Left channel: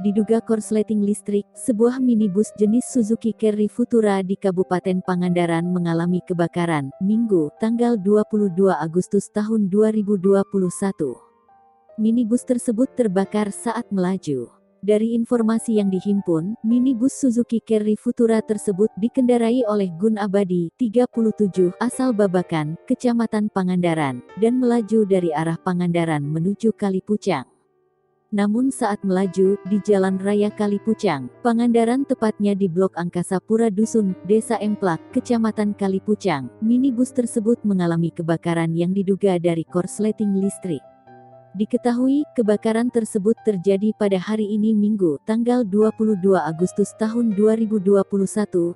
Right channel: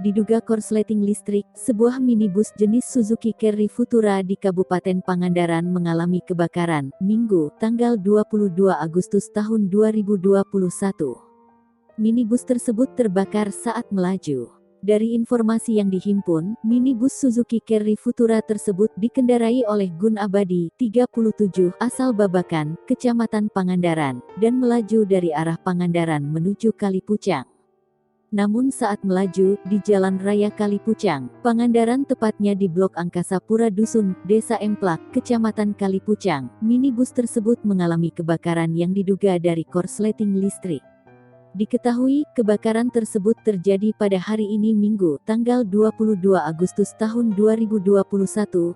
Diduga korsleting listrik, sebuah minibus jenis Suzuki Carry Futura di Kabupaten Pangandaran mengalami kebakaran, Minggu, tanggal 22 Agustus tahun 2021. Minibus tersebut terbakar saat melaju. Dari informasi yang dihimpun, minibus Suzuki Carry Futura tersebut dikendarai oleh Gun Abadi, 37, asal Babakan, Kecamatan Pangandaran, dan melaju dari arah Pangandaran menuju Kalipucang. Namun saat melaju, di Jalan Raya Kalipucang, Pangandaran tepatnya di Blok Angkasa Pura Dusun, Desa Emplak, Kecamatan Kalipucang, minibus tersebut mengalami kebakaran yang diduga dari korsleting listrik. Diketahui, kebakaran tersebut terjadi pada hari ini Minggu, tanggal 22 Agustus tahun 2021,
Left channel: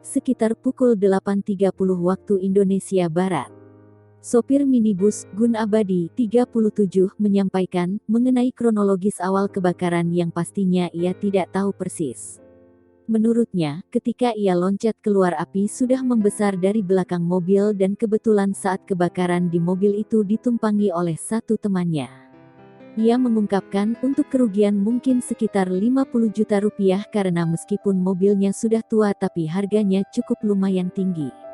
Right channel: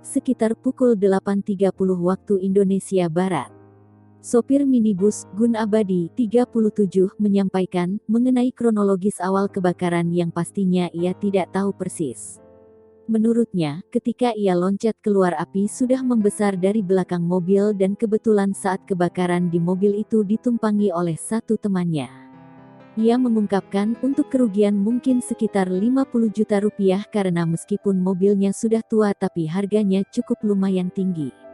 sekitar pukul 8.30 waktu Indonesia Barat. Sopir minibus, Gun Abadi, 37, menyampaikan, mengenai kronologis awal kebakaran yang pastinya ia tidak tahu persis. Menurutnya, ketika ia loncat keluar api sudah membesar dari belakang mobil dan kebetulan saat kebakaran di mobil itu ditumpangi oleh satu temannya. Ia mengungkapkan, untuk kerugian mungkin sekitar 50 juta rupiah karena meskipun mobilnya sudah tua tapi harganya cukup lumayan tinggi.